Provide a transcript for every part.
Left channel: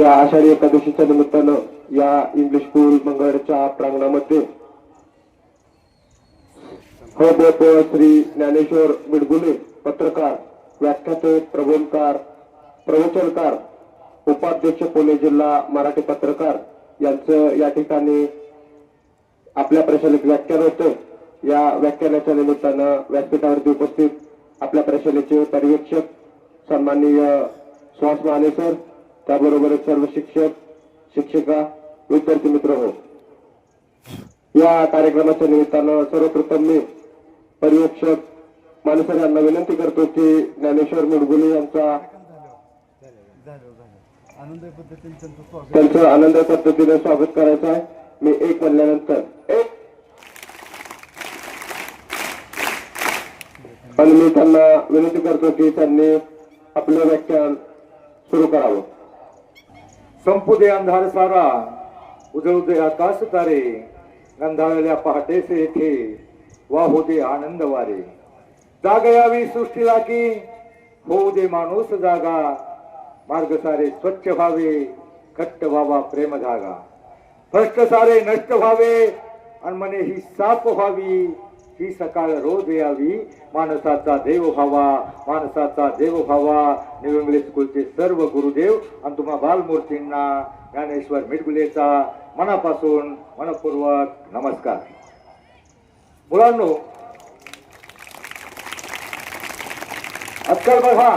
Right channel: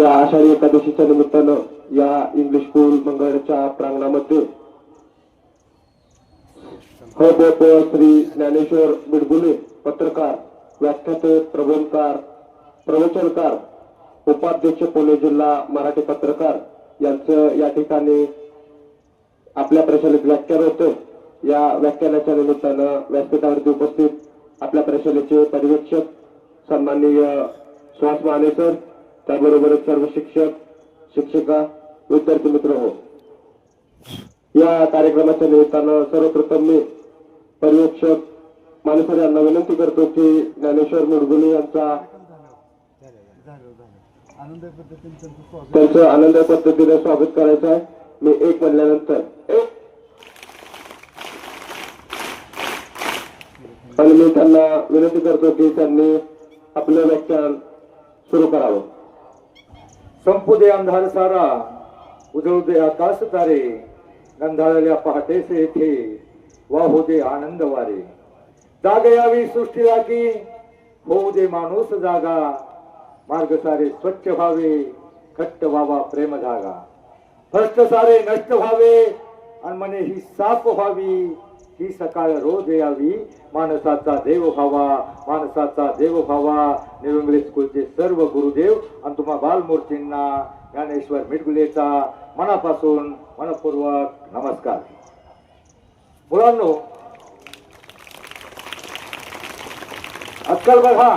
या आषाढी एकादशीच्या निमित्तानं या इंग्लिश स्कूल मंगळच्या प्रांगणामध्ये श्री ज्ञानेश्वर बिडगुले पत्रकार, व्याख्याते, प्रवचनकार, उपाध्यक्ष पुणे जिल्हा मराठी पत्रकार यांचं या ठिकाणी आपल्या प्रशालेत व्याख्यान होतं। या व्याख्यानाच्या निमित्तानं व्यासपीठावरती उपस्थित आपल्या प्रशालेचे पर्यवेक्षक सन्माननीय सुहास माने सर, त्याबरोबरच सर्व शिक्षक, शिक्षिका, विद्यार्थी मित्र हो, या कार्यक्रमाच्या निमित्तानं सर्वप्रथम मी पर्यवेक्षक माने सर यांना विनंती करतो की ज्ञानेश्वर बिडगुले यांचा त्यांचं आनंद पद्धतीने स्वागत करायचं आहे। मी एक म्हणल्यानंतर एक, आणि मी त्यांना विनंती करतो की त्यांनी आपलं व्याख्यान सुरू करावं। संपू दे अंधार सारा, उजळू दे आकाश तारे, गंधाळलेल्या पहाटेचे येथे वाहू दे आनंद वारे, जाग यावी सृष्टीला की होऊ दे माणूस जागा, मार्ग सारे स्वच्छ व्हावे, घट्ट व्हावा प्रेम धागा, भ्रष्ट सारे नष्ट व्हावे आणि मने ही साफ व्हावी, ही सकाळ रोज यावी, माणसाचा देव व्हावा, माणसाचा देव व्हावा। न्यू इंग्लिश स्कूलचे सर्व गुरुदेव आणि तुम्हा बालमूर्तींना ज्ञानेश्वर बिडगुलेचा मनापासून मनपूर्वक नमस्कार। मुलांनो, आजकाल बघा,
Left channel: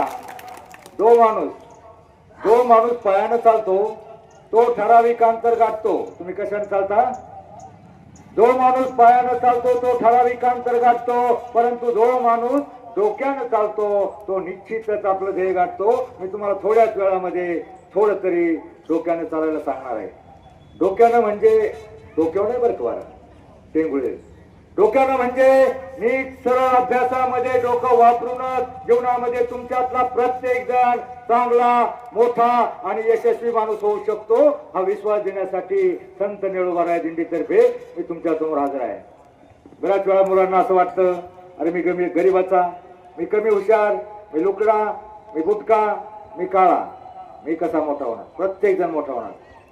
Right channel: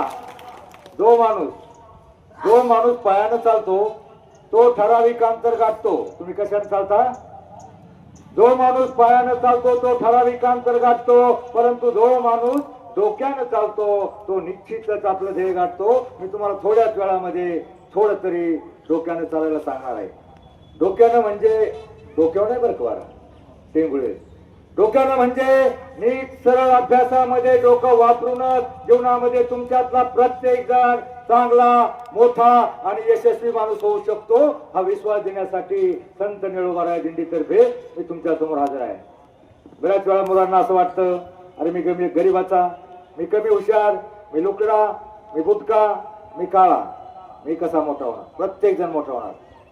दोन माणूस पायानं चालतो, तो ठराविक अंतर गाठतो। तुम्ही कशाने चालता? जो माणूस पायानं चालतो तो ठराविक अंतर गाठतो, परंतु जो माणूस डोक्यानं चालतो तो निश्चितच आपलं ध्येय गाठतो। मी तुम्हाला थोड्याच वेळामध्ये थोडं तरी डोक्यानं चालायला सांगणार आहे। डोक्यानं म्हणजे डोक्यावर नाही बरं का टेंगुळे, डोक्यानं म्हणजे नीट सरळ अभ्यासामध्ये डोकं वापरूनच जीवनामध्ये तुमच्यातला प्रत्येक जण चांगला, मोठा आणि यशस्वी माणूस होऊ शकतो, हा विश्वास देण्यासाठी संत निळोबाराय दिंडीतर्फे मी तुमच्या समोर हजर आहे। बऱ्याच वेळा मुलांना असं वाटतं, अरे मी गरीबाचा, मी कमी हुशार, मी लुकडा, मी बुटका, मी काळा, मी कसा मोठा होणार? प्रत्येक जण मोठा होणार,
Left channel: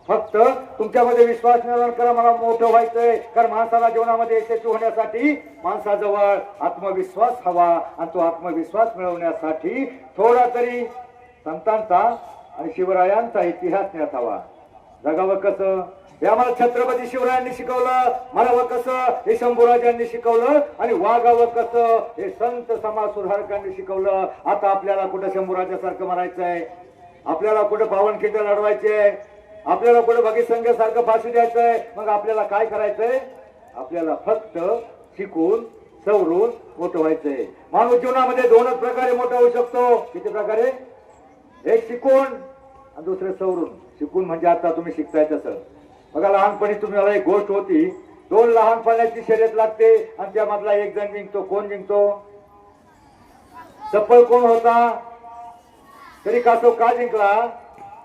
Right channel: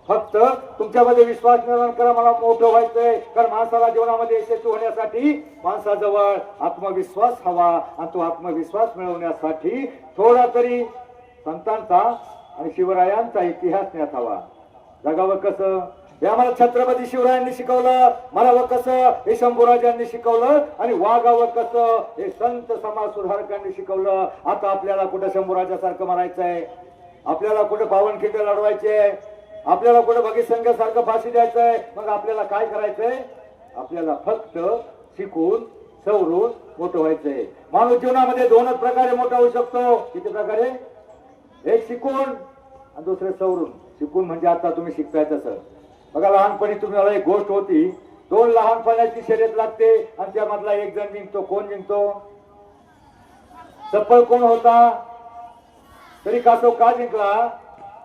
फक्त तुमच्यामध्ये विश्वास निर्माण करा, मला मोठं व्हायचंय। कारण माणसाला जीवनामध्ये यशस्वी होण्यासाठी माणसाजवळ आत्मविश्वास हवा, आणि तो आत्मविश्वास मिळवण्यासाठी थोडा तरी संतांचा आणि शिवरायांचा इतिहास ज्ञात हवा। जगावं कसं हे आम्हाला छत्रपती शिवरायांनी शिकवलं, मरावं कसं हे शंभूराजांनी शिकवलं, आणि वागावं कसं हे संत समाज सुधारकांनी शिकवलं। आता आपल्याला कुठं शंभूराजासारखं मारायचंय, आपल्याला कुठं पावनखिंड लढवायचे, आपल्याला कुठे भगीत संघासारखं फाशी द्यायचंय। मग आपल्याला काय करायचंय? आपल्याला फक्त शिकून सवरून मोठं व्हायचंय। माणूस जीवनामध्ये दोनच प्रकारे मोठा होऊ शकतो। किती प्रकारे? एक शिकून आणि दुसरे सवरून। शिकून म्हणजे आता तुम्ही शिकताय तसं बघा, लहानपणी तुम्हाला एक गोष्ट होती, दोन लहान पण्याची शर्यत लागते आणि त्यामधला एक जण जिंकतो। कोण जिंकतो? चप्पल कोण होता? तरी का तो का जिंकला?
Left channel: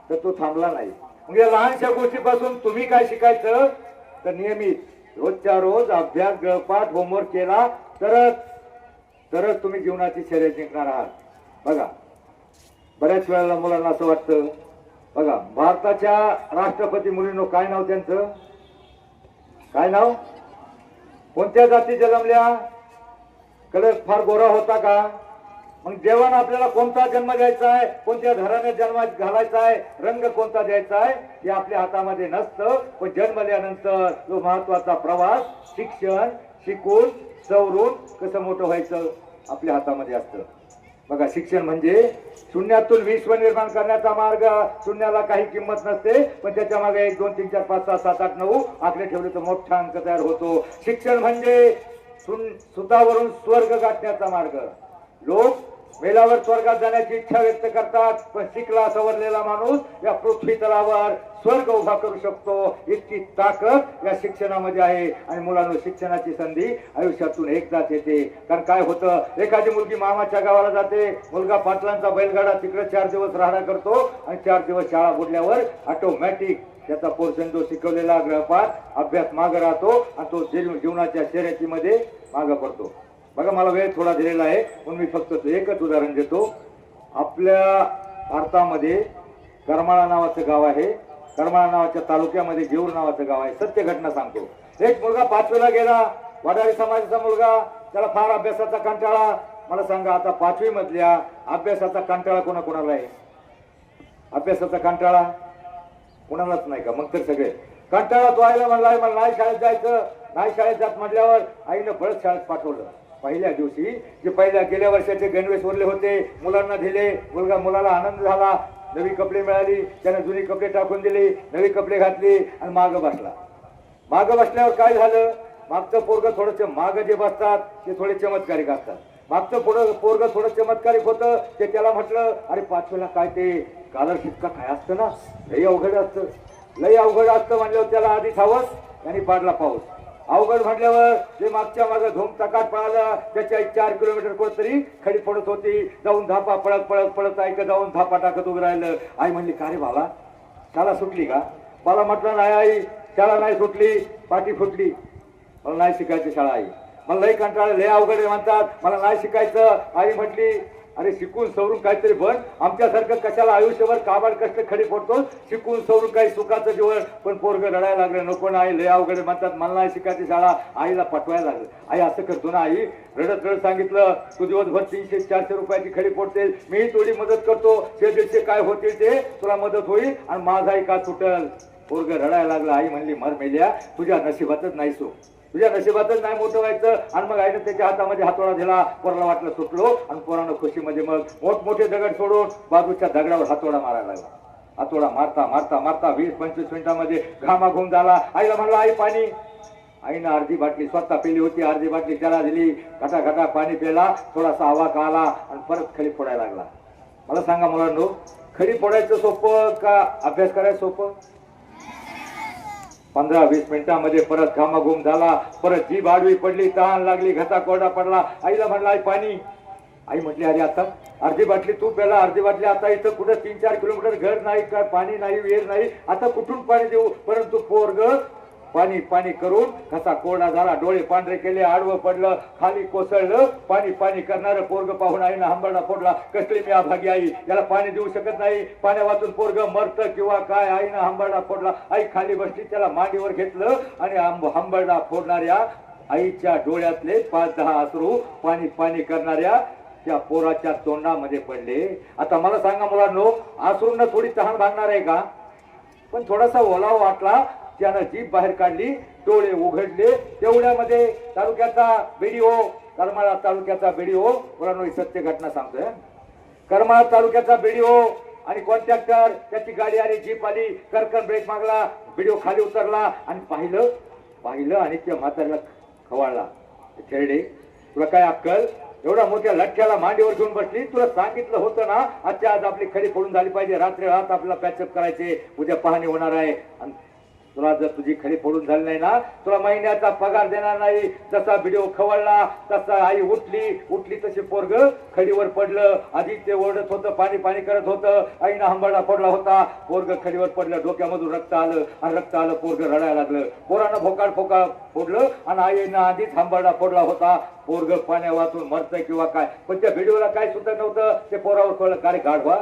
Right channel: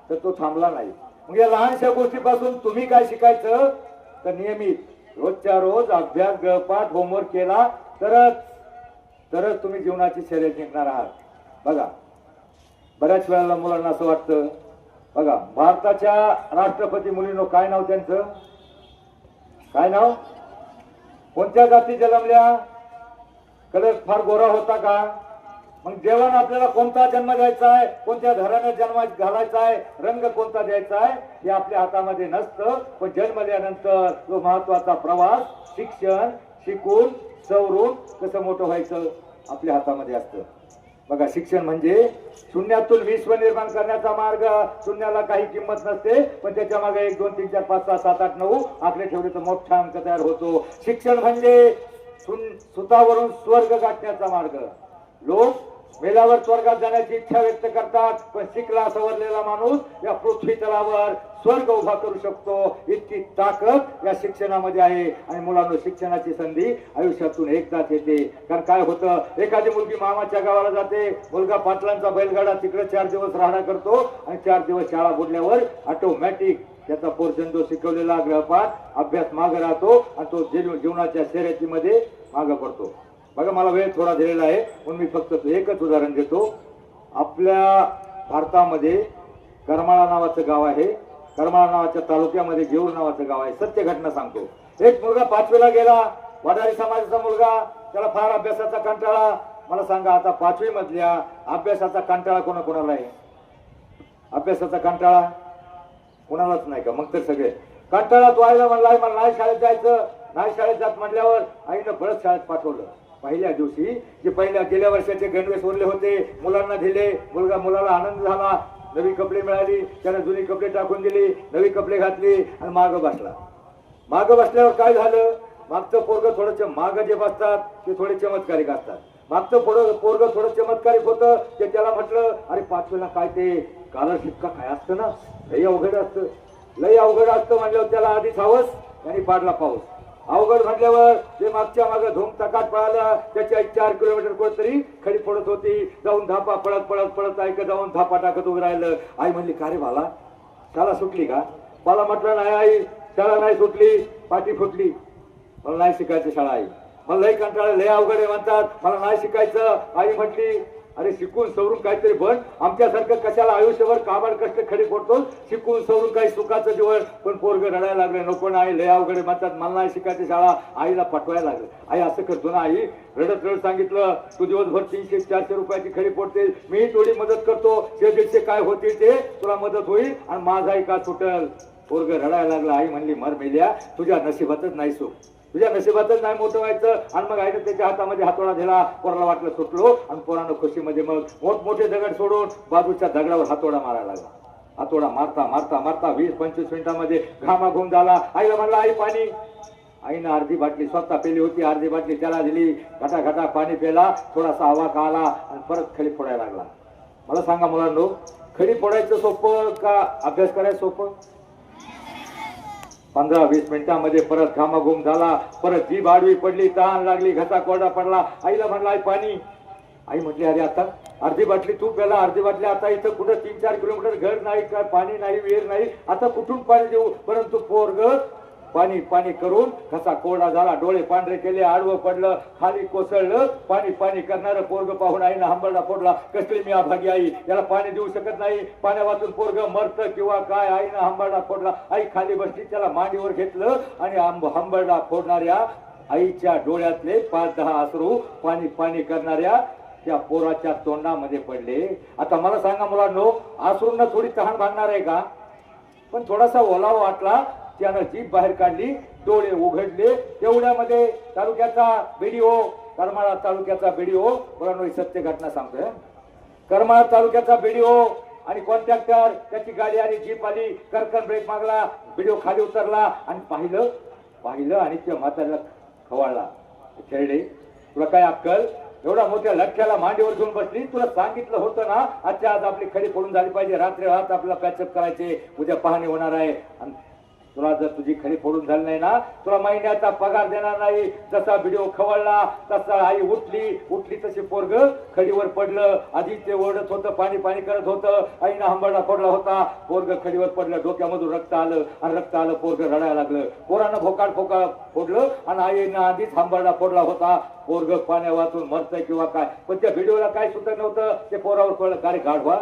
तर तो थांबला नाही। मग या लहानशा गोष्टीपासून तुम्ही काय शिकायचं? तर नियमित रोजच्या रोज अभ्यास, गृहपाठ, होमवर्क केला तरच तुम्ही जीवनाची शर्यत जिंकणार आहात। बघा, बऱ्याच वेळेला मुलांना असं वाटतं, बघा भारताच्या राष्ट्रपती मुलींनो काय नाव त्यांचं? काय नाव? कोणत्या जाती जन्मल्या? कलर फार गोरा होता का? मग जेवण आपल्याला कोणता जन्म द्यायचा आहे, कोणत्या घराने जन्म घालायचा आहे, रंग कोणता द्यायचा आहे हे आपल्या हातामध्ये नसतं। पण जन्मल्यानंतर जो महत्वाचा प्रवास, शिक्षण, शिकून सवरून कसं मोठं व्हायचं आपल्या हातामध्ये असतं। बघा, शिक्षण म्हणजे शून्यातून विश्व निर्माण करण्याचा मार्ग। शून्याला काही किंमत नसते, पण त्याच्या मागे 1 2 3 4 5 6 7 8 9 आकडे ठेवले तर मोठा अंक तयार होतो। शिक्षण म्हणजे सुतावरून स्वर्ग गाठण्याचा मार्ग। लोक मेल्यावर स्वर्गात जाण्याची इच्छा व्यक्त करतात, पण शिकला सवरलेला माणूस या पृथ्वी तलावर स्वर्ग उभा करू शकतो, इतकी ताकद या शिक्षणामध्ये आहे। आणि मुलांना शिक्षणाची संधी आयुष्यातून एकदाच येते। कारण काय होतं, एखादी मुलगी मामाच्या गावाला जाते, मुलगा पाटलांचा बैलगाडा तिकडे 4 दिवस राहणा करतो, आणि 4 दिवस शाळा बुडल्यावर ऑटोमॅटिक त्याचा पोर्शन जो शिकवलेला गृहपाठ अभ्यास मागे राहतो, आणि तो जीवनाच्या शर्यतीमध्ये मागे पडतो। बघा, मला वेळ थोडा दिलेला आहे, म्हणून मी फक्त एकच उदाहरण देतो। आपल्या भारतामध्ये करमाळा नावाचं गाव आहे. करमाळा नावाच्या तालुक्यामध्ये जेऊर नावाचं गाव आहे. सत्य घटना सांगतो. एक मुलगा 5वीला गेला, वडारी समाजाचा मुलगा. त्याला फार अभ्यासाचा कंटाळा. मला सांगा आता 5वी मधल्या अभ्यासाचा कंटाळा कोणाकोणाला आहे? अभ्यासाचा कंटाळा कोणालाच नाही का? मग तर सगळे कंटाळा तो आईला म्हणलाय मला नाही शाळेत जायचं. नाही शाळेत जात म्हटल्यावर आईनं बळच शाळेत पाठवलं. पहिल्या दिवशी जे गेल्या वर्षाचे गणवेश उरले होते मुलांना दिले. मुलाला आनंद झाला. नवी कपडे मिळाली. त्यानं जुनी कपडे टाकून दिली, नवी कपडे घातली आणि मागं बसला. मागं बसल्यावर काय झालं? मागचं पोरग थोडंसं मागं जे बसतात ते थोडे चमत्कारिक असतात. मागचं पोरग थोडं चमत्कारिक होतं. ते त्याला म्हटलं अरे 5वीला काय ते स्कॉलरशिप काय असतं ना, लई अवघड असतं. लई अवघड असतं म्हणल्यावर त्याला आधीच हवस आणि पाडला पाऊस. अवघड म्हटल्यावर ते मागच्या मागं धूम टकाट पळालं. त्याच्या 4 किलोमीटर कोणतरी खडी पडत होती. जाऊन धापा पळत पळत पळत ऐक जाऊन धापा टाकत उभं राहिलं. आई म्हणली का रे बाला शाळा सुटली का? मला म्हटलं नाही आई शाळा नाही सुटली, पाठी फुटली. मला नाही शिकायचं शाळा आई. मला लई कंटाळा, लय अवघड आहे म्हणतात, मला नाही शिकायचं. आई म्हटली अरे शिकून सवरून काहीतरी बन. आमच्यासारखं कशाला आयुष्यभर कामाड कष्ट खडी पडतो. शिकून सवरून काही सुखाचं जीवन. पण पोरग रडायला लागलं नको ना आई लय अवघड म्हणतात, मला नाही शिकायची शाळा. आईला पटवायला लागलं. आई असं करतो ना आई. रडत रडत सांगितलं तू दिवसभर 300-400 रुपयाची खडी पडते, मी थोडी मदत करतो. 100-150 काय होतील ते तुला मदत होईल आणि माझाही का सुटल. पोरग रडायला लागलं. आई म्हणली मर मेल्या तुझ्या नशिबातच नाही सो, तुझ्या नशिबातच नाही मोठं व्हायचं. आणि मग आईने त्याच्या हातामध्ये हातोडा दिला. पोराला वाटलं सुटलो आणि पोरानं खुशीमध्ये मग मोठमोठे दगड सोडून बाजूच्या दगडावर हातोडा मारायला लागला. हातोडा मारता मारता मारता 20-25 मिनिटांमध्ये घामाघूम झाला. आईला म्हणला आई पाणी. आईनं अर्धी बाटली स्वतः पेली होती, अर्धी बाटली त्याला दिली. घटा घटा पाणी प्याला. थोडासा आवाक आला आणि परत खडी फोडायला लागला. मला सांगा मुलांनो खडी फोडायचं सोपं का अभ्यास करायचं सोपं? 15-20 मिनिटांमध्ये परत घामाघूम झाला. परत जीभ आडवी पडली, तहान लागली, घसा कोरडा पडला. आईला म्हणला आई पाणी. आई म्हटली अरे आता अर्धी बाटली तू प्याला, अर्धी बाटली आता इथं कुठं 3-4 किलोमीटर घर नाही, काय पाणी नाही, विहीर नाही, आता कुठून पाणी देऊ? परंतु पोरग पाणी पाणी करून घसा कोरडा झाला, डोळे पांढरे केले, आडवं पडलं, खाली कोसळलं. पाणी पाणी करणारं पोरग पाहून आईनं हंबरडा फोडला. कसली मी अभागी आई, याला पाणी देऊ शकत नाही, पाण्या वाचून पोरग मरतं किंवा काय. आईनं हंबरडा फोडला. आई खाली बसली, त्याला मांडीवर घेतलं आणि हंबरडा फोडणाऱ्या आईच्या डोळ्यातले 5-10 अश्रू पाणी पाणी करणाऱ्या त्या पोराच्या तोंडामध्ये पडले. आता मला सांगा मुलांनो अश्रूंना थोडी तहान भागणार आहे का? पण थोडासा ओलावा वाटला, त्यानं जीभ बाहेर काढली, डोळे उघडले. तेवढ्यामध्ये तालुक्याचा बीडीओ, करमाळा तालुक्याचा बीडीओ, मुलांनो सत्य घटना सांगतोय. करमाळा तालुक्याचा बीडीओ आणि कॉन्ट्रॅक्टर त्याची गाडी आली, जीप आली, करकन ब्रेक मागला. बीडीओ खाली उतरला आणि पाहिलं आणि त्या म्हाताऱ्याला खवाळला. खेळडे तुला काय अक्कल? एवढा मोठ्या लठ्ठ्याला मांडीवर घेऊन बसली. तुला सांगितलं होतं ना आजच्या आज आपली खडी फोडून झाली पाहिजे, रात्री रात आपल्याला पॅचअप करायचे, उद्या पाहणी होणार आहे. तुला जर तुझी खडी फोडून झाली नाही ना तुला महिन्याचा पगार देणार नाही. जसा व्हिडिओ खवळला तसा आई उठली तशी पोरग खडीवर पडलं. आधी ते ओरडत होतं, पाणी पाणी करत होतं, आईनं हंबरडा फोडला होता. पोरग खडीवर पडलं, डोक्यामधून रक्त आलं, पोरग रडायला लागलं. पोरानं फोकाड फोडलं आणि आईनं आधीच हंबरडा फोडला होता. पोरग पाण्या वाचून मरतंय किंवा काय, पण त्या व्हिडिओला काय सुद्धा नव्हतं. ते पोरावर कळलं का रे गाढवा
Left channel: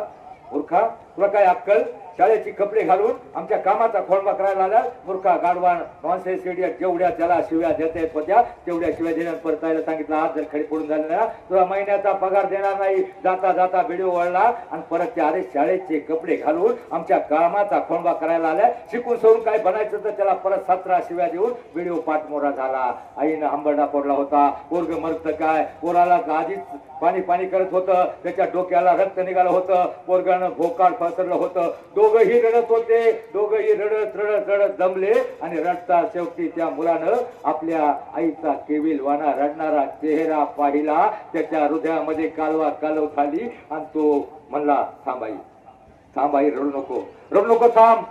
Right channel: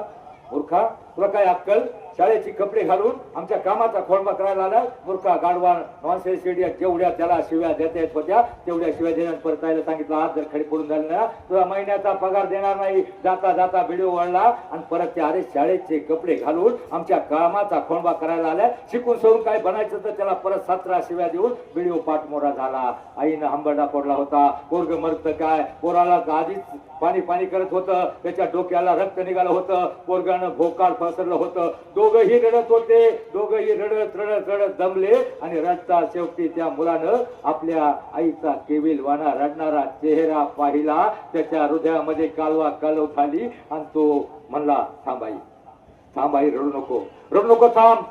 मूर्खा, तुला काय अक्कल? शाळेची कपडे घालून आमच्या कामाचा खोळंबा करायला आला. मूर्खा गाढवा नॉनसेन्स इडियट. जेवढ्या त्याला शिव्या देता येत होत्या तेवढ्या शिव्या देण्यात परतायला सांगितलं. आज जर खडी पडून झाले ना तुला महिन्याचा पगार देणार नाही. जाता जाता व्हिडिओ वळला आणि परत ते अरे शाळेचे कपडे घालून आमच्या कामाचा खोळंबा करायला आल्या. शिकून सोडून काय बनायचं तर त्याला परत 17 शिव्या देऊन व्हिडिओ पाठमोरा झाला. आईनं हंबरडा पडला होता. पोरग मरत काय, पोराला आधीच पाणी पाणी करत होतं, त्याच्या डोक्याला रक्त निघालं होतं, पोरगानं भोकाळ पसरलं होतं. दोघंही रडत होते, दोघंही रडत रडत रडत दमले आणि रडता शेवटी त्या मुलानं आपल्या आईचा केविलवाना रडणारा चेहरा पाहिला. त्याच्या हृदयामध्ये कालवा कालव खाली आणि तो म्हणला थांबाई रडू नको थांब.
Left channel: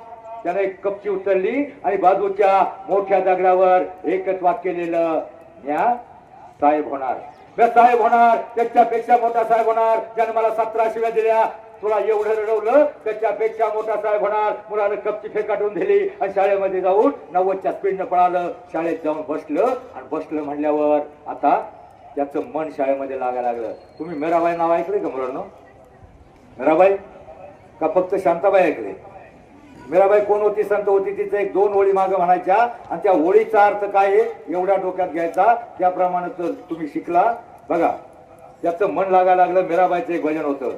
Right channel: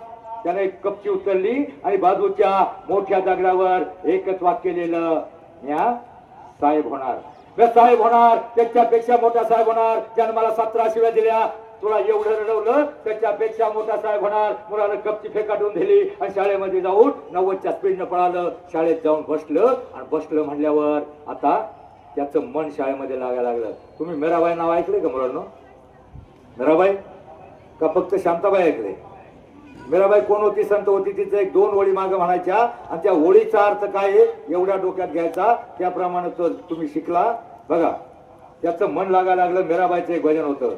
त्याने एक कपची उचलली आणि बाजूच्या मोठ्या दगडावर एकच वाक्य लिहिलं, म्या साहेब होणार, त्याच्यापेक्षा मोठा साहेब होणार. ज्याने मला 17 शिव्या दिल्या, तुला एवढं रडवलं, त्याच्यापेक्षा मोठा साहेब होणार. मुलानं कपची फेकाटून दिली आणि शाळेमध्ये जाऊन 90च्या स्पीडनं पळालं. शाळेत जाऊन बसलं म्हणल्यावर आता त्याचं मन शाळेमध्ये लागायला लागलं. तुम्ही मीराबाई नाव ऐकलंय का मुलांनो? मीराबाई का फक्त शांताबाई ऐकले? मीराबाई कोण होती? संत होती. तिचं एक दोन ओळी मागे म्हणायच्या आणि त्या ओळीचा अर्थ काय आहे एवढ्या डोक्यात घ्यायचा. त्याप्रमाणे तर तुम्ही शिकला. बघा त्याचं मन लागायला लागलं. मीराबाईचं एक भजन होतं,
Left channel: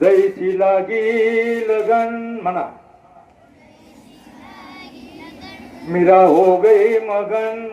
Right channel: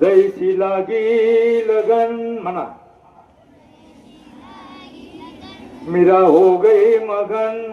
जैसी लागी लगन म्हणा, मीरा हो गई मगन,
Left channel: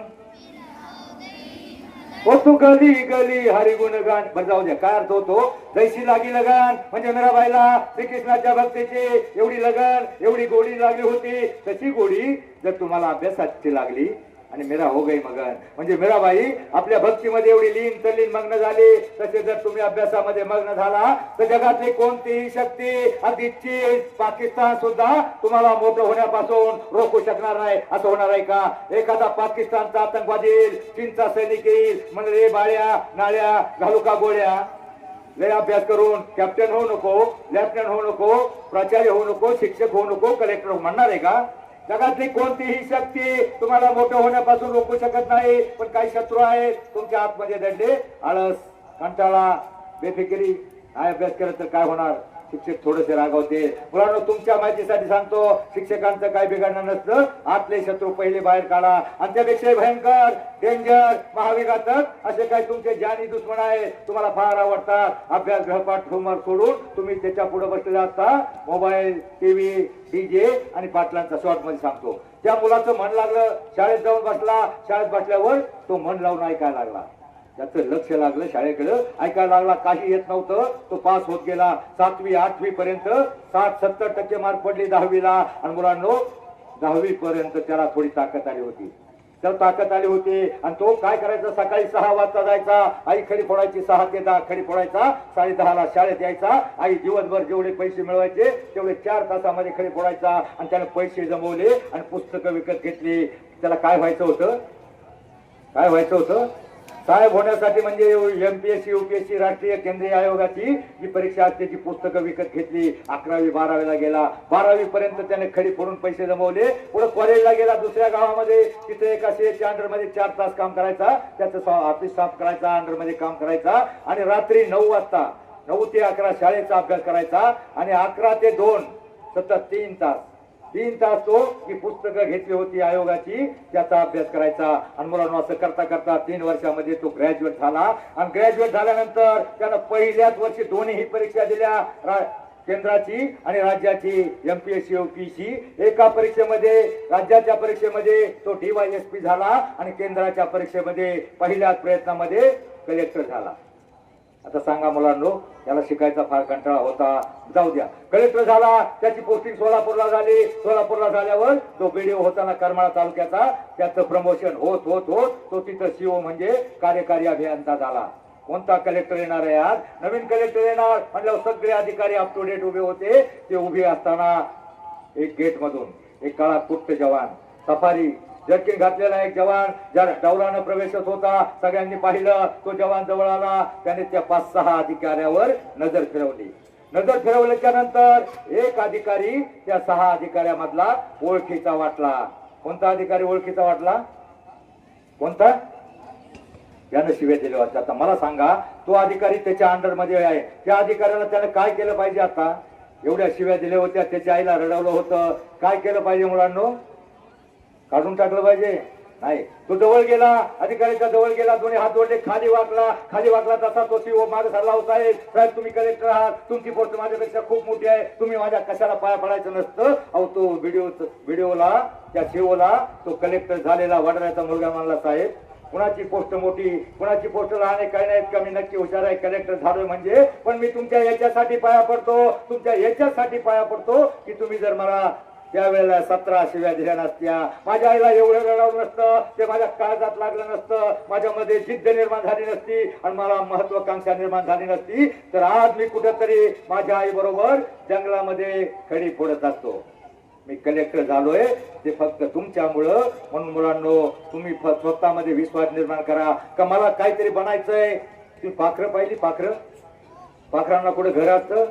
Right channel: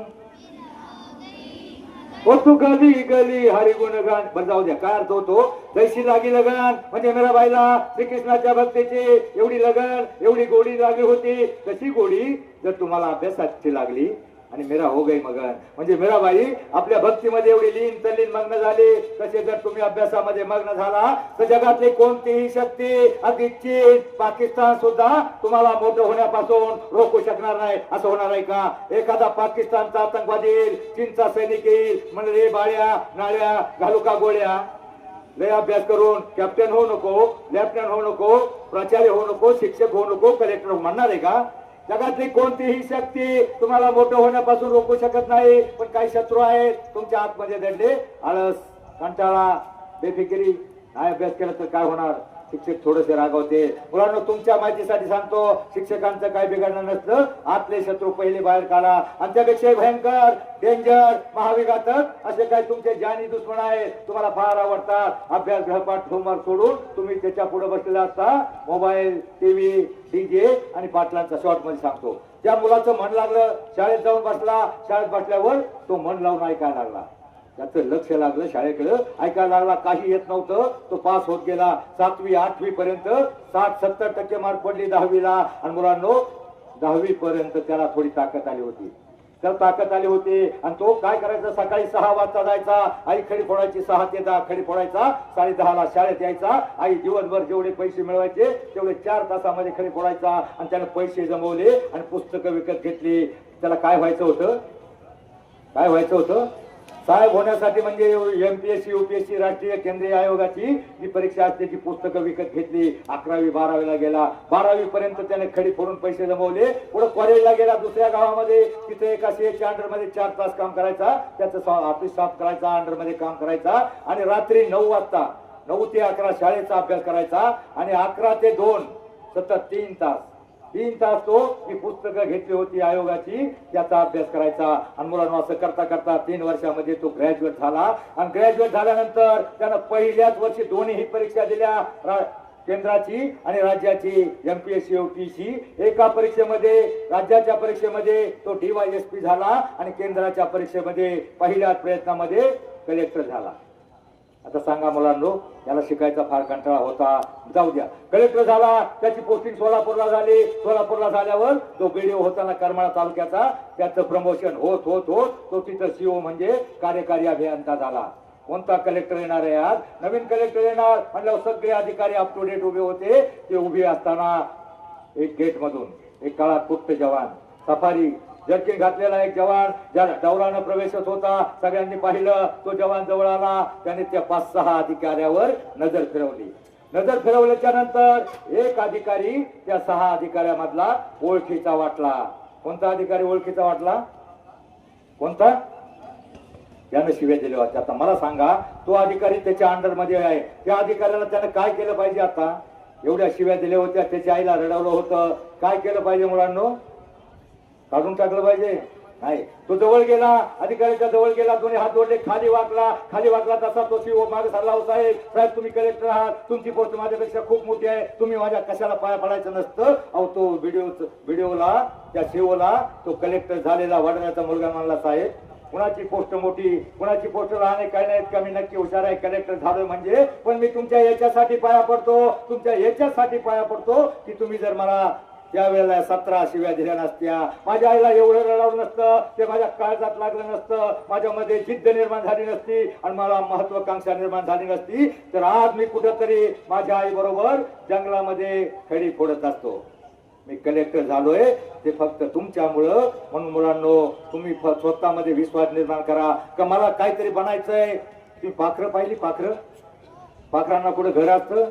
ओ तू गली गली हरी गुणगान. बरं जाऊ द्या, काय अर्थ होतो? जैसी लागी लगन म्हणजे मीराबाईला श्रीकृष्णाच्या भक्तीची एवढी लगन, एवढी गोडी लागली होती. कशी गोडी? जर तुम्हाला अभ्यासाची लागली. आणि मीरा हो गई मगन म्हणजे मीराबाई आपल्या भक्तीमध्ये एवढी लीन तल्लीन मग्न झाली. तसे जर तुम्ही अभ्यासामध्ये मग्न झाला तर जगातली कोणतीही शक्ती, अगदी चीन, पाकिस्तान सुद्धा तुम्हाला मोठं होण्यापासून रोखू शकणार नाही. असं होणार आहे का? एखादा पाकिस्तानचा आतंकवादी येईल, चीनचा सैनिक येईल, म्हणजे बाळ्या नाळ्या घालू का गोळ्या? लय अभ्यास करून कॅप्टन होऊ नको, लेफ्टनंट होऊ नको, प्राचार्य होऊ नको, शिक्षक होऊ नको, कलेक्टर म्हणणार आहे का? जगातली कोणतीही शक्ती तुम्हाला मोठं होण्यापासून रोखू शकत नाही. पण काही शत्रू आहेत तुमच्या आतमध्ये दडले. आळस, कंटाळा, बेफिकिरी. काय अभ्यास केला तर काय होणार? शिक्षक थोडेसे रागावते. मुलांनो तुमच्या माहितीसाठी सांगतो, शिक्षकांचं काय बिघडणं नसतं. आतले शत्रू पहिले बाहेर काढा. आणि त्यापेक्षा भयंकर, डेंजर, महाविघातक असे काही तुमचे जानी दुश्मन आहेत. तुम्हाला फार आवडतात. अभ्यास, गृहपाठ, होमवर्क सोडून तुम्ही त्याच्या पुढे बसलेला असता. मोबाईल, टीव्ही, डीजे आणि पाटलांचा शॉर्ट मध्ये सांगतो. त्या मुलाचं मन लागलं, शाळेत जाऊन बसला. शाळेत बसल्यावर तो मन लावून ऐकायला लागला. त्याचं लक्ष लागलं शाळेकडे, ऐकायला लागला. काही येत नव्हतं. तो पास होत गेला. 7वी 8वी पर्यंत 60-70% मार्क पडले 10वीला. आणि मुलांनो 10वी पर्यंत त्याला थोडी ताकद आली होती. त्याला ताकद आली होती. आणि तो काय करायचा? सकाळी 6 वाजता जायचा. आई खडी फोडायची. 6 ते 10 खडी फोडायचा. 10:30ला शाळेत यायचा. आई दिवसभर जेवढे पैसे मिळवायचे तेवढे 4 तासामध्ये खडी फोडायचा. आणि त्याने पैसे जमवले आणि पुस्तकं विकत घेतली. त्याला काय व्हायचं होतं? काय व्हायचं होतं? साहेब होण्यासाठी. म्हणजे MPSC UPSC राष्ट्रीय केंद्रीय आयोगाची जी परीक्षा असते ती पुस्तकं विकत घेतली. 11वी 12वीला गेला. 12वी पर्यंत त्याने खडी फोडून पैसे जमवले. पुढे कॉलेजला गेला दुसऱ्या गावामध्ये. तिथे एका शेतच्या अंडरमध्ये 4 तास काम करायचा. त्याचं ऑफिस साफ करायचा, अंडरमध्ये काम करायचा. आणि रात्री 9 वाजता 9 ते 11 शाळेचा अभ्यास करायचा. आणि 11 ते 2 सतत 3 तास तो मी पुस्तकं घेतली होती आयोगाची, त्याचा अभ्यास करायचा. आणि मुलांना असं करता करता 3 वर्षामध्ये तो ग्रॅज्युएट झाला. आणि ग्रॅज्युएट झाल्यानंतर त्यानं पहिल्याच वर्षी दोन्ही परीक्षा दिल्या, केंद्राची आणि राज्याची. MPSC UPSC. एका परीक्षेमध्ये, राज्याच्या परीक्षेमध्ये तो DYSP झाला. आणि केंद्राच्या परीक्षेमध्ये पहिल्याच प्रयत्नामध्ये कलेक्टर झाला. आता सांगा मुलांनो, त्याला शिकायचा फार कंटाळा होता. जाऊ द्या, कलेक्टर झाला. त्याची पोस्टिंग सोलापूरला झाली. सोलापूरला झाल्यावर तो BDO होताना करमाळा तालुक्याचा, त्याचं प्रमोशन होत होत होत तो तिथं CO म्हणजे कार्यकारी अभियंता झाला. कोणता कलेक्टर येणार आहे आज? नवीन कलेक्टर येणार म्हटल्यावर सगळे अधिकारी अप टू डेट उभे होते. ते उभे असताना एक गेट मधून एक काळा कुट्ट जवान, सफारी जर्किन घातलेला एक जवान ज्या डौलानं प्रवेशत होता. सगळ्यांनी पाहिलं. तो जवान जवळ आला. त्याने त्या 5-6 अधिकाऱ्यावर नजर फिरवली. नजर फिरवल्याच्या नंतर एक अधिकारी त्या 6 अधिकाऱ्यामधला ओळखीचा वाटला. कोणता अधिकारी ओळखीचा वाटला? कोणता? यानं शिव्या दिल्या होत्या. आता मला सांगा, तो अधिकारी त्याच्या अंडरमध्ये आहे. त्या अधिकाऱ्याला त्याने काय केलं पाहिजे? आता एवढ्या शिव्या दिल्या होत्या, त्याच्या आईला रडवलं होतं. काय केलं पाहिजे मुलांनो? काढून टाकलं पाहिजे? नाही. तो जवळ गेला, अधिकाऱ्याच्या जवळ गेला, दोन्ही हात जोडले, खाली वाकला तसा तो CO मागे सरला. साहेब तुम्ही कलेक्टर आहात, तुमची पोस्ट माझ्यापेक्षा खूप मोठी आहे, तुम्ही माझ्या कशाला पाया पडायचं नसतं. अहो तो व्हिडिओला त्या COला तो कलेक्टर झालेला वडिलांचा मुलगा म्हणला, साहेब कुणाची पोस्ट मोठी, कुणाची पोस्ट लहान आहे, काही नाही, कमी नक्की हुशार आहे, कलेक्टर झालोय म्हणजे. पण मी तुमच्या याच्यासाठी पाया पडतो, तुमच्या याच्यासाठी पाया पडतो की तुम्ही जर मला त्यावेळेला 17 शिव्या दिल्या नसत्या, माझ्या आईला एवढं रडवलं नसतं, ते माझ्या काळजात लागलं नसतं, माझ्यामध्ये जिद्द निर्माण झाली नसती आणि मला महत्वाकांक्षा निर्माण झाली नसती, तर आज मी कुठेतरी माझ्या आई बरोबर जंगलामध्ये खडी फोडत असतो. मी कलेक्टर झालोय ते फक्त तुमच्यामुळं. म्हणून मुलांनो, तुम्ही स्वतःमध्ये विश्वास निर्माण करा का मला काहीतरी बनायचंय. तुम्ही पाखरं पाहिली? पाखरांना कुठे घर असतं,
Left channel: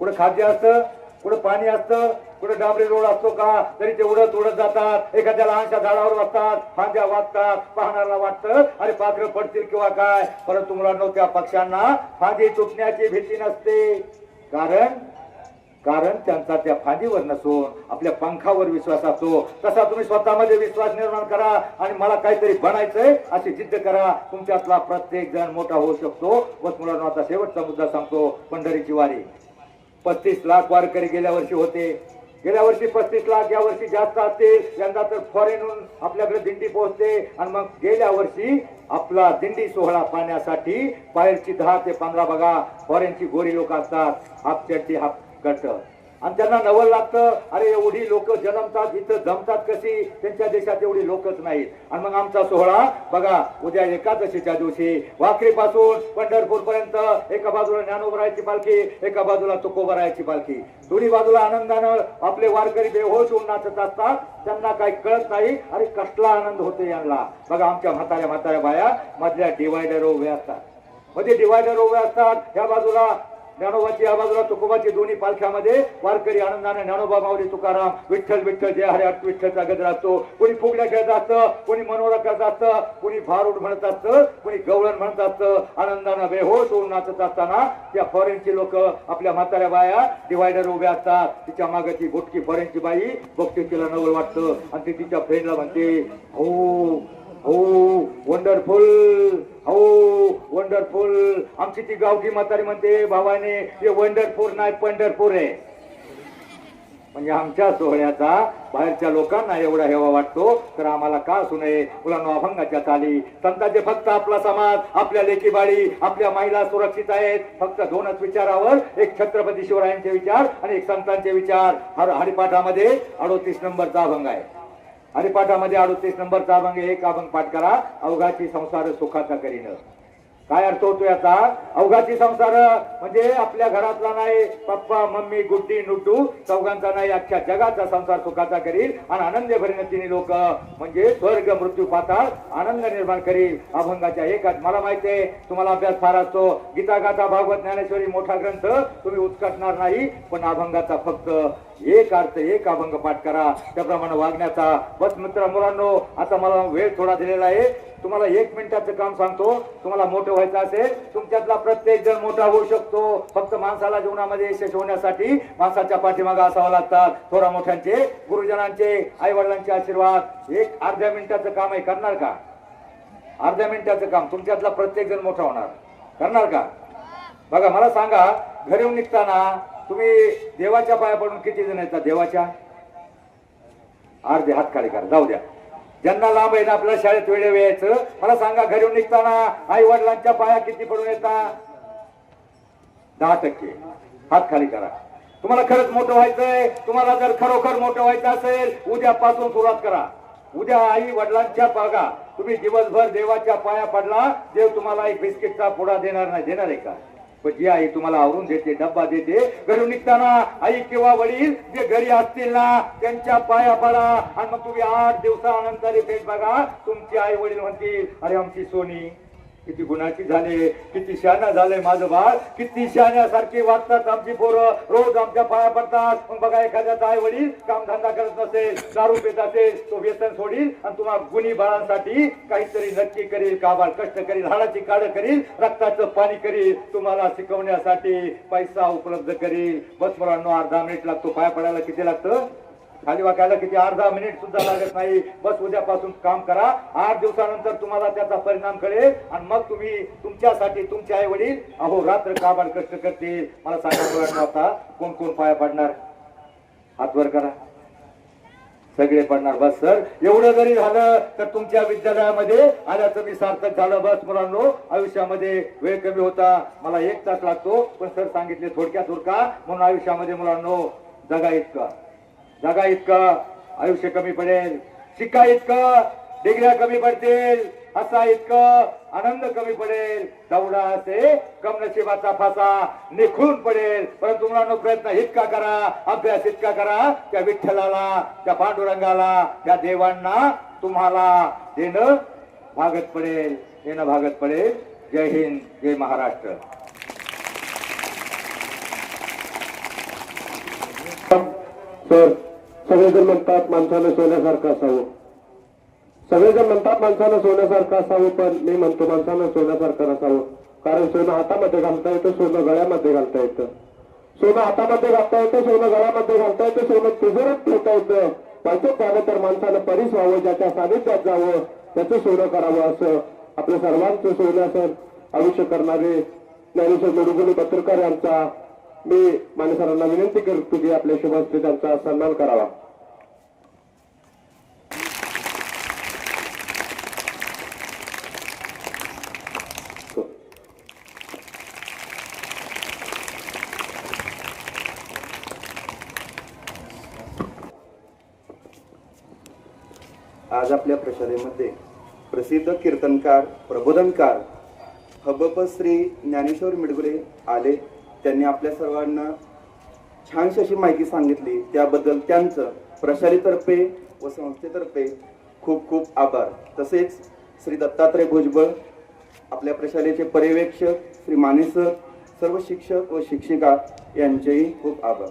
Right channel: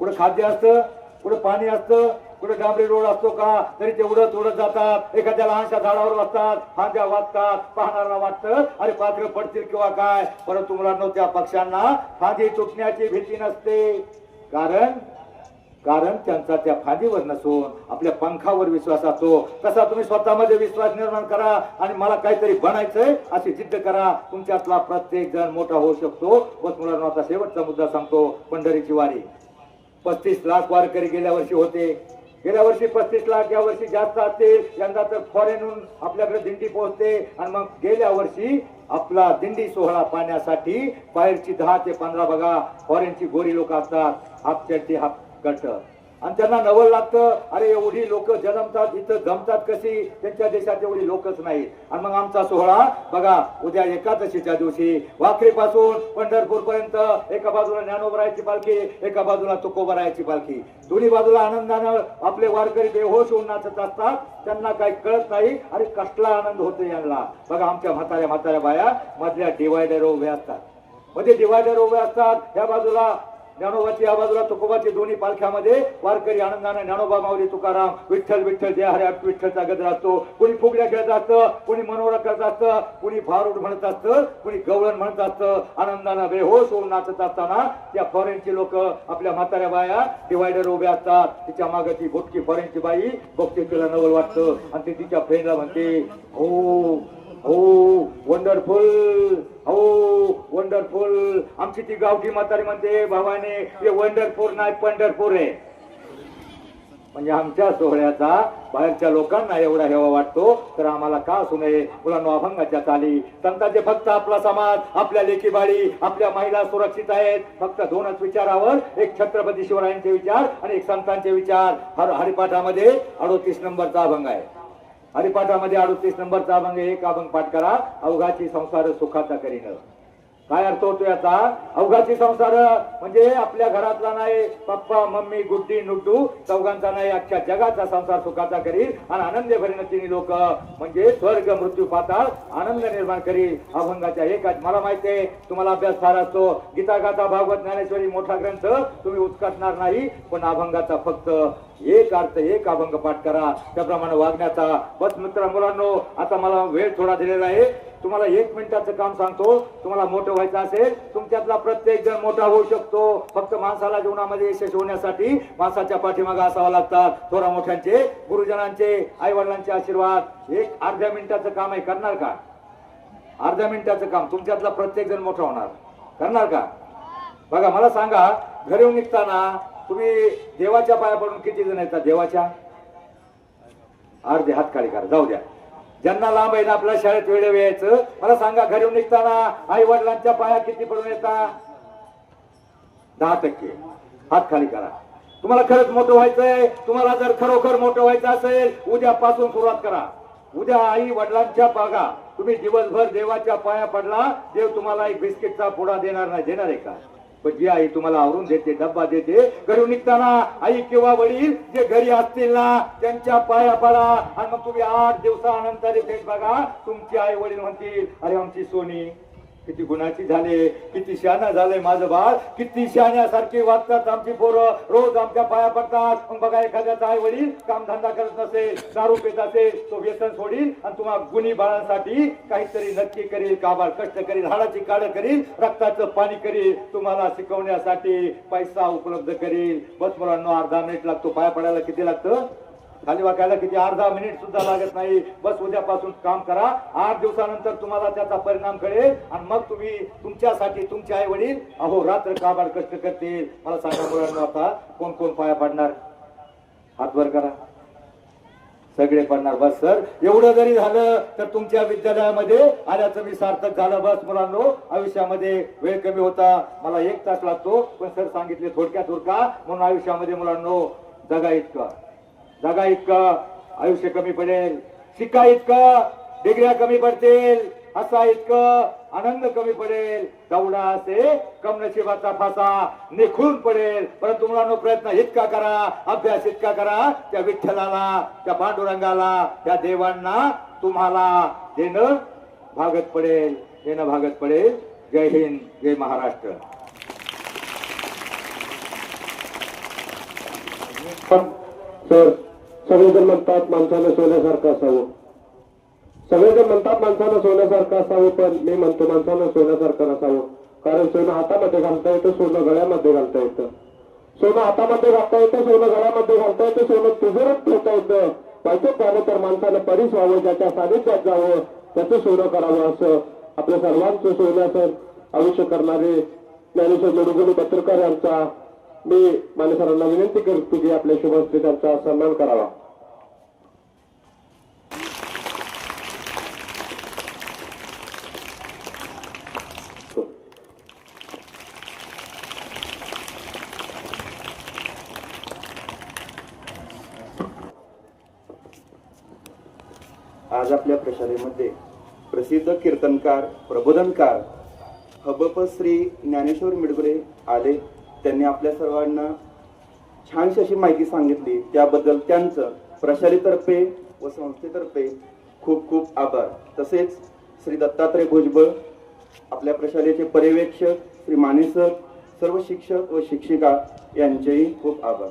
कुठे खाद्य असतं, कुठे पाणी असतं, कुठे डांबरी रोड असतो का? तरी ते उडत जातात. एखाद्या लहानशा झाडावर बसतात, फांद्या वाजतात, पाहणाऱ्याला वाटतं अरे पाखरं पडतील किंवा काय. परंतु मुलांनो, त्या पक्ष्यांना फांदी तुटण्याची भीती नसते. कारण कारण त्यांचा त्या फांदीवर नसून आपल्या पंखावर विश्वास असतो. तसा तुम्ही स्वतःमध्ये विश्वास निर्माण करा आणि मला काहीतरी बनायचंय अशी जिद्द करा. तुमच्यातला प्रत्येक जण मोठा होऊ शकतो. बस मुलांना आता शेवटचा मुद्दा सांगतो. पंढरीची वारी 35 लाख वारकरी गेल्या वर्षी होते. गेल्या वर्षी 35 लाख, या वर्षी जास्त असतील. यंदा तर फॉरेनहून आपल्याकडे दिंडी पोहोचते. आणि मग गेल्या वर्षी आपला दिंडी सोहळा पाहण्यासाठी बाहेरची 10 ते 15 बघा फॉरेनची गोरी लोक असतात. हाफ शर्टी हाफ गट आणि त्यांना नवल लागतं. अरे एवढी लोक जन्मतात इथं जमतात कशी? त्यांच्या देशात एवढी लोकच नाहीत. आणि मग आमचा सोहळा बघा उद्या एकादशीच्या दिवशी वाखरीपासून पंढरपूर पर्यंत एका बाजूला ज्ञानोबरायाची पालखी, एका बाजूला तुकोबरायाची पालखी, दोन्ही बाजूला आनंदानं आपले वारकरी बेहोश होऊन नाचत असतात. त्यांना काही कळत नाही अरे कसला आनंद होतो यांना. बघा आमच्या म्हाताऱ्या बाया मधल्या डिवायडर उभ्या असतात. मध्ये डिवायडर उभ्या असतात. या बाजूला ज्ञानोबाची, या बाजूला तुकोबाची, दोन्ही पालख्यामध्ये वारकरी आनंदाने ज्ञानोबा माऊली तुकाराम विठ्ठल विठ्ठल जय हरे विठ्ठलचा गजर असतो. कोणी फुगड्या खेळत असतं, कोणी मनोरा करत असतं, कोणी भारूड म्हणत असतं, कोणी गवळण म्हणत असतं. आनंदानं बेहोश होऊन नाचत असताना त्या फॉरेनची लोक आपल्या म्हाताऱ्या बाया डिवायडर उभ्या असतात. तिच्या मागे ती बोटकी फॉरेनची बाई बघते, तिला नवल वाटतं आणि ती तिच्या फ्रेंडला म्हणते हो हो वंडरफुल, हो वंडरफुल. आमची ती गावठी म्हातारी म्हणते भावाने हे वंडरफुल नाही पंढरपूर आहे. म्हणजे आमच्या सोहळ्याचा बाहेरच्या लोकांना एवढा हेवा वाटतो तर आम्हाला का असू नये? मुलांना अभंगाच्या चाली संतांचे फक्त आपला समाज, आपल्या लेकीबाळी, आपल्या महिला सुरक्षित आहेत. फक्त 2च विचारावर, एक छत्रपती शिवरायांचे विचार आणि एक संतांचे विचार. हरिपाठामध्ये 38 नंबरचा अभंग आहे. हरिपाठामध्ये 38 नंबरचा अभंग. एक अभंग पाठ करा. अवघाची संसार सुखाचा करीन. काय अर्थ होतो याचा? अवघाची संसार म्हणजे आपल्या घरातला नाही, पप्पा मम्मी गुड्डी नुड्डू चौघांचा नाही, अख्ख्या जगाचा संसार सुखाचा करील आणि आनंद भरीन तिन्ही लोक. म्हणजे स्वर्ग मृत्यू पाताळ आनंद निर्माण करील. अभंगाच्या एकात मला माहिती आहे तुम्हाला अभ्यास फार असतो. गीता गाथा भागवत ज्ञानेश्वरी मोठा ग्रंथ तुम्ही उचकटणार नाही, पण अभंगाचा फक्त एक अर्थ, एक अभंग पाठ करा. त्याप्रमाणे वागण्याचा. बस मित्र मुलांनो, आता मला वेळ थोडा दिलेला आहे. तुम्हाला 1 मिनिटाचं काम सांगतो. तुम्हाला मोठं व्हायचं असेल, तुमच्यातला प्रत्येक जण मोठा होऊ शकतो. फक्त माणसाला जीवनामध्ये यशस्वी होण्यासाठी माणसाच्या पाठीमागे असावं लागतात. थोरा मोठ्यांचे, गुरुजनांचे, आई वडिलांचे आशीर्वाद. एक अर्ध्या मिनिटाचं काम आहे, करणार का? अर्ध्या मिनिटाचं काम तुमच्यातला प्रत्येक जण मोठा होणार, करणार का? बघा मला सांगा, घरी येऊन निघताना तुम्ही देवाच्या पाया पडून किती जण येतात? देवाच्या अर्धे हात खाली करा, जाऊ द्या. ज्यांना लांब आहे ना आपल्या शाळेत वेळेवर यायचं, मला सांगा घरी येऊन निघताना आई वडिलांच्या पाया किती पडून येतात? 10%. हात खाली करा. तुम्हाला खरंच मोठं व्हायचंय, तुम्हाला जर खरोखर मोठं व्हायचं असेल, उद्यापासून सुरुवात करा. उद्या आई वडिलांच्या पागा तुम्ही दिवसभर देवाच्या पाया पडला, देव तुम्हाला एक बिस्किटचा पुडा देणार नाही. देणार आहे का? पण जी आई तुम्हाला आवरून देते, डब्बा देते, घरी निघताना आई किंवा वडील जे घरी असतील ना त्यांच्या पाया पडा. आणि मग तुम्ही 8 दिवसानंतर भेट बघा, तुमची आई वडील म्हणतील अरे आमची सोनी किती गुणाची झाले, किती शहाणा झाले माझं बाळ, किती शहाण्यासारखी वागतात आमची पोरं, रोज आमच्या पाया पडतात. मग बघा एखाद्याचा आई वडील काम धंदा करत नसेल, दारू पित असेल, तो व्यसन सोडील आणि तुम्हाला गुणी बाळांसाठी काहीतरी नक्की करील, काबाड कष्ट करील, हाडाची काढ करील, रक्ताचं पाणी करील, तुम्हाला शिकवण्यासाठी पैसा उपलब्ध करील. बस मुलांना अर्धा मिनिट लागतो. पाया पडायला किती लागतं? खाली वाकायला किती? अर्धा मिनिट सुद्धा लागत नाही. बस उद्यापासून काम करा. 8 दिवसानंतर तुम्हाला त्याचा परिणाम कळेल आणि मग तुम्ही तुमच्यासाठी तुमचे आई वडील अहो रात्र काबाड कष्ट करतील. मला सांगा मुलांना आता कोण कोण पाया पडणार? हात वर करा. सगळे पडणार. बस सर, एवढं जरी झालं तर तुमच्या विद्यालयामध्ये आल्याचं मी सार्थक झालं. बस मुलांनो, आयुष्यामध्ये वेळ कमी होता, मला 1 तास लागतो, पण सर सांगितले थोडक्यात उरका. म्हणून आयुष्यामध्ये मुलांनो जगा इतकं आयुष्य कमी पडेल, शिका इतकं डिग्र्या कमी पडतील, हसा इतकं आनंद कमी पडेल, दौडा असे कम नशिबाचा फासा निखळून पडेल. परंतु मुलांनो प्रयत्न इतका करा, अभ्यास इतका करा, त्या विठ्ठलाला, त्या पांडुरंगाला, त्या देवांना तुम्हाला देणं भागत पडेल, देणं भागत पडेल. जय हिंद, जय महाराष्ट्र. सर, सगळेजण म्हणतात माणसानं सोन्यासारखं असावं, सगळेजण म्हणतात माणसानं सोन्यासारखं असावं, पण मी म्हणतो माणसानं सोन्यासारखं नसावं. कारण सोनं हातामध्ये घालता येतं, सोनं गळ्यामध्ये घालता येतं. सोनं हातामध्ये घालता येतं, सोनं गळ्यामध्ये घालता येतं, सोनं तिजोरीत ठेवता येतं. पैसेच झालं तर माणसानं परीस व्हावं, ज्याच्या सानिध्यात जावं, त्याचं सोनं करावं, असं आपल्या सर्वांचं सोन्याचं आयुष्य करणारे ज्ञानेश्वर मेडगुले पत्रकार यांचा मी मान्यसरांना विनंती करतो की आपल्या शुभहस्ते त्यांचा सन्मान करावा. आज आपल्या प्रशालेमध्ये प्रसिद्ध कीर्तनकार प्रबोधनकार हबप श्री ज्ञानेश्वर मिडगुले आले. त्यांनी आपल्या सर्वांना छानशी अशी माहिती सांगितली. त्याबद्दल त्यांचं प्रशालेतर्फे व संस्थेतर्फे खूप खूप आभार. तसेच श्री दत्तात्रय भुजबळ, आपल्या प्रशालेचे पर्यवेक्षक श्री माने सर, सर्व शिक्षक व शिक्षिका यांचेही खूप आभार.